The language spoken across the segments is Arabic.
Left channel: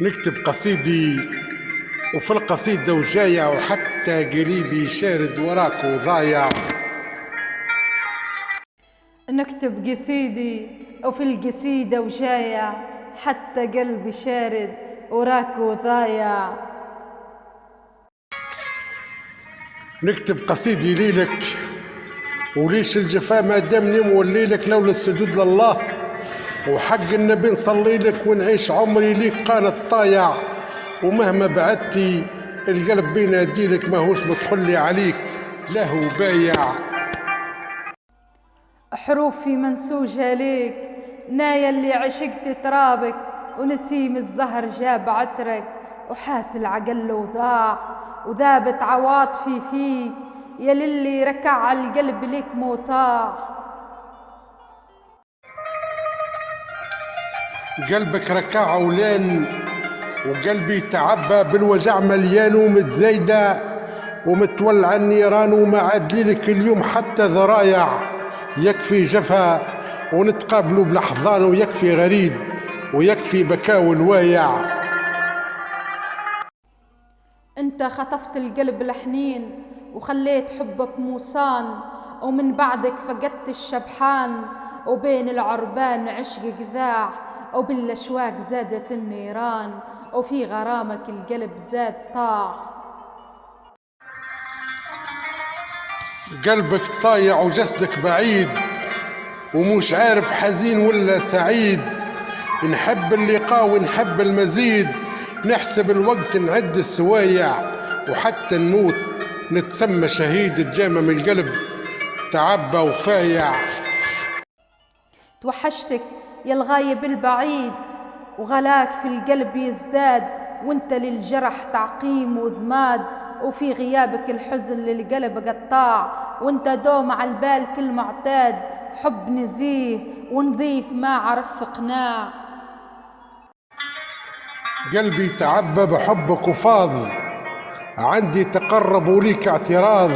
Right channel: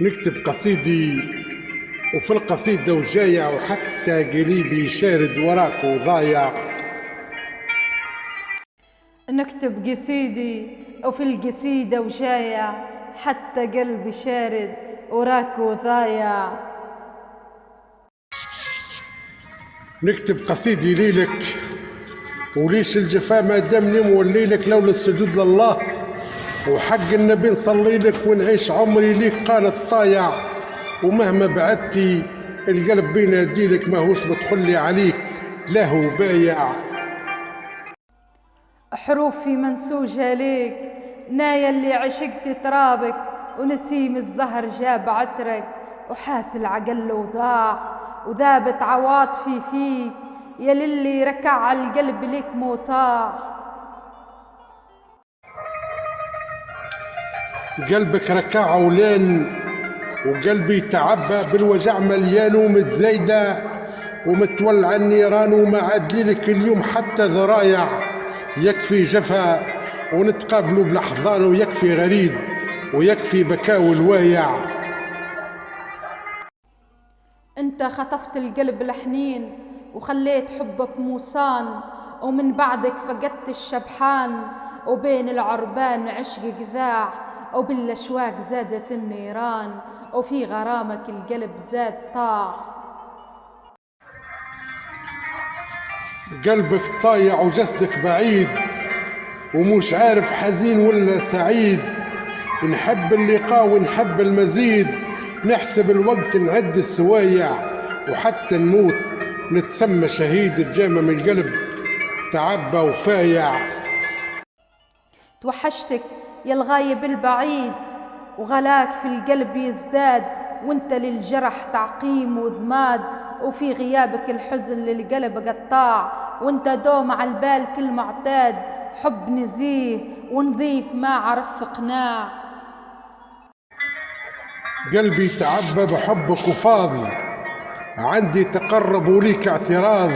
نكتب قصيدي وفي القصيدة وجاية وحتى قريبي شارد وراك وضايع. نكتب قصيدي وفي القصيدة وجاية حتى قلبي شارد وراك وضايع. نكتب قصيدي ليلك وليش الجفا ما دامني مولي لك لولا السجود لله وحق النبي نصلي لك ونعيش عمري ليك قالت طايع. ومهما بعدتي القلب بينادي لك ماهوش متخلي عليك لا هو بايع. حروفي منسوجة ليك نايا اللي عشقت ترابك ونسيم الزهر جاب عطرك وحاس العقل وضاع وذابت عواطفي فيك يا للي ركع القلب لك موطاع. قلبك ركع ولين وقلبي تعبى بالوجع مليان ومتزايدة ومتولع النيران وما عاد لك اليوم حتى ذرايع. يكفي جفا ونتقابلوا بالاحضان ويكفي غريد ويكفي بكاء الوايع. انت خطفت القلب الحنين وخليت حبك موصان ومن بعدك فقدت الشبحان وبين العربان عشق ذاع وبالاشواق زادت النيران وفي غرامك القلب زاد طاع. قلبك طايع وجسدك بعيد ومش عارف حزين ولا سعيد. نحب اللقاء ونحب المزيد نحسب الوقت نعد السوايع وحتى نموت نتسمى شهيد الجامع من القلب تعبى وفايع. توحشتك يا الغايب البعيد وغلاك في القلب يزداد وانت للجرح تعقيم وضماد وفي غيابك الحزن للقلب قطاع وانت دوم على البال كل معتاد حب نزيه ونظيف ما عرف قناع. قلبي تعبى بحبك وفاض عندي تقرب وليك اعتراض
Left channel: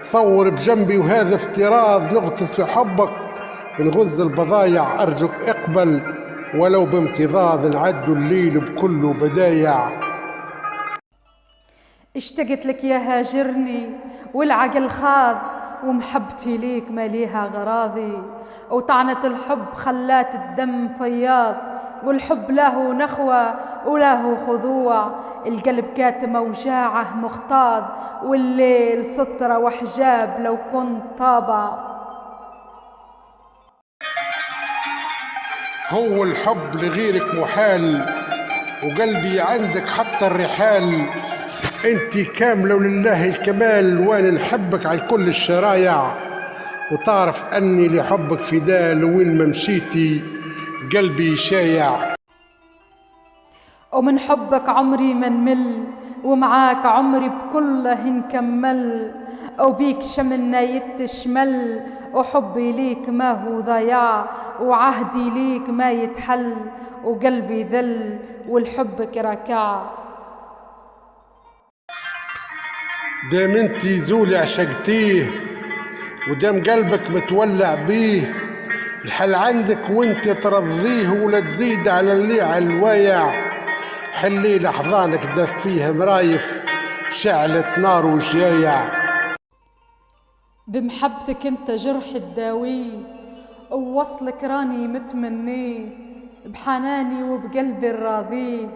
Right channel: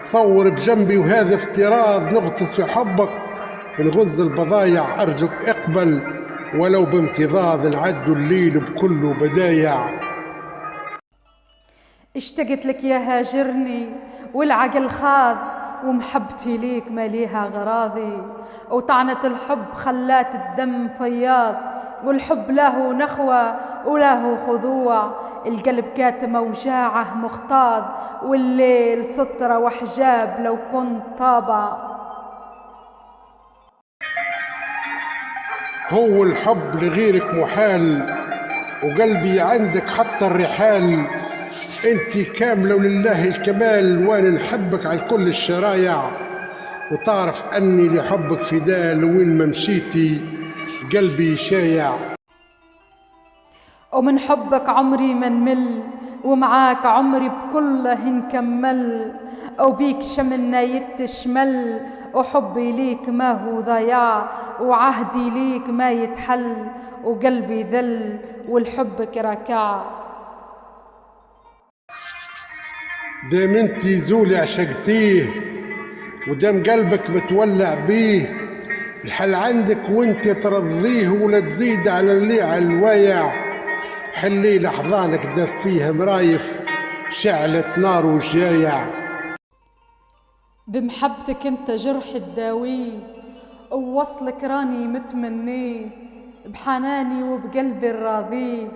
تصور بجنبي وهذا افتراض نغطس في حبك نغز البضايع أرجوك اقبل ولو بامتضاض العد الليل بكله بدايع. اشتقت لك يا هاجرني والعقل خاض ومحبتي ليك ما ليها غراضي وطعنة الحب خلات الدم فياض والحب له نخوة وله خضوع القلب كاتم وجاعه مختاض والليل سترة وحجاب لو كنت طابع. هو الحب لغيرك محال وقلبي عندك حتى الرحال انتي كاملة ولله الكمال وانا نحبك على كل الشرايع وتعرف اني لحبك فداء لوين ما مشيتي قلبي شايع. ومن حبك عمري ما نمل ومعاك عمري بكله نكمل وبيك شملنا يتشمل وحبي ليك ما هو ضياع وعهدي ليك ما يتحل وقلبي ذل والحبك ركع. دام انتي زولي عشقتيه ودام قلبك متولع بيه الحل عندك وانت ترضيه ولا تزيد على اللي على الوايع. حلي لحظانك دف فيها مرايف شعلت نار وجايع. بمحبتك انت جرح الداوي ووصلك راني متمنيه بحناني وبقلبي الراضيه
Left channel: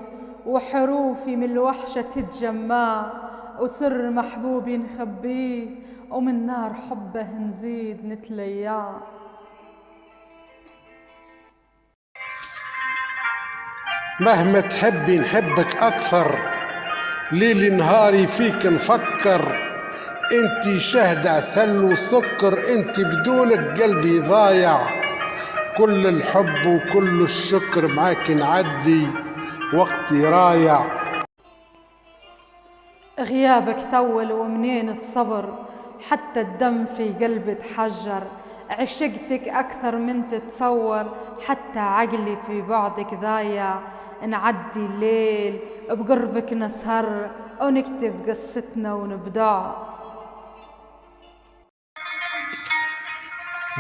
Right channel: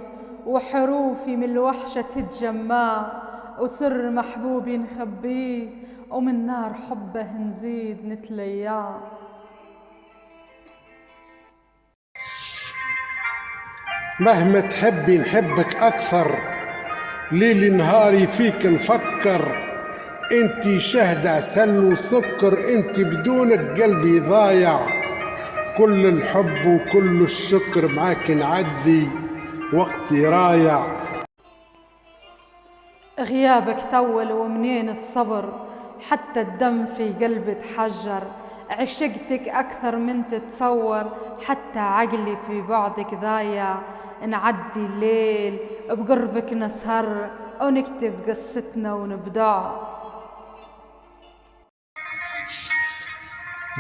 وحروفي من الوحشة تتجمع وسر محبوبي نخبيه ومن نار حبه نزيد نتليع. مهما تحبي نحبك أكثر ليلي نهاري فيك نفكر انتي شهد عسل وسكر انتي بدونك قلبي ضايع. كل الحب وكل الشكر معاك نعدي وقتي رايع. غيابك طول ومنين الصبر حتى الدم في قلبي تحجر عشقتك أكثر من تتصور حتى عقلي في بعدك ضايع. نعدي الليل بقربك نسهر ونكتب قصتنا ونبدع.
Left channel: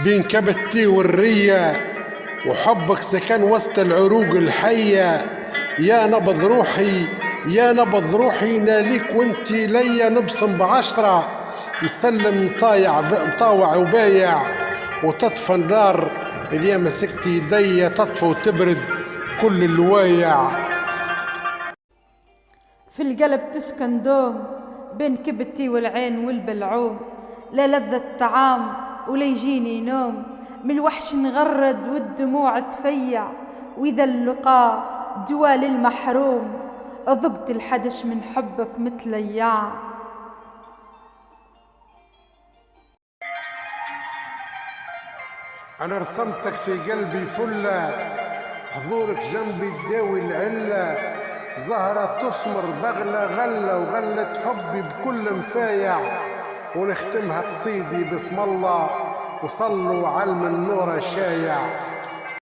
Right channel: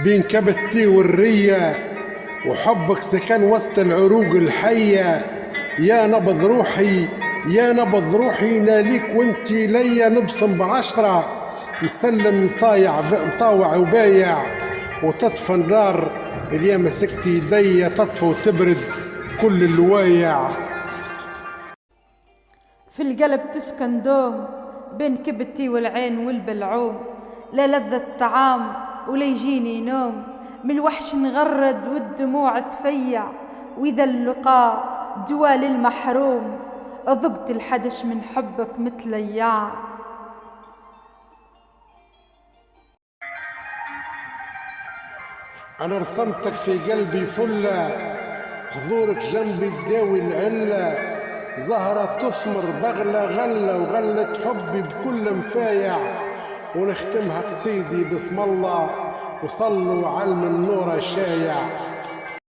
بين كبتي والرية وحبك سكن وسط العروق الحية يا نبض روحي يا نبض روحي ناليك وانتي ليا نبصم ب10 مسلم مطاوع وبايع وتطفى النار اللي مسكت يديا تطفى وتبرد كل الوايع. في القلب تسكن دوم بين كبتي والعين والبلعوم، لا لذة طعام ولا يجيني نوم، من الوحش نغرد والدموع تفيع، وإذا اللقاء دوال المحروم ذقت الحدش من حبك مثل اياه. أنا رسمتك في قلبي فلة، حضورك جنبي تداوي العلة، زهرة تثمر بغلة غلة وغلة حبي بكل مفايع، ونختمها قصيدي بسم الله وصلوا على النور الشايع.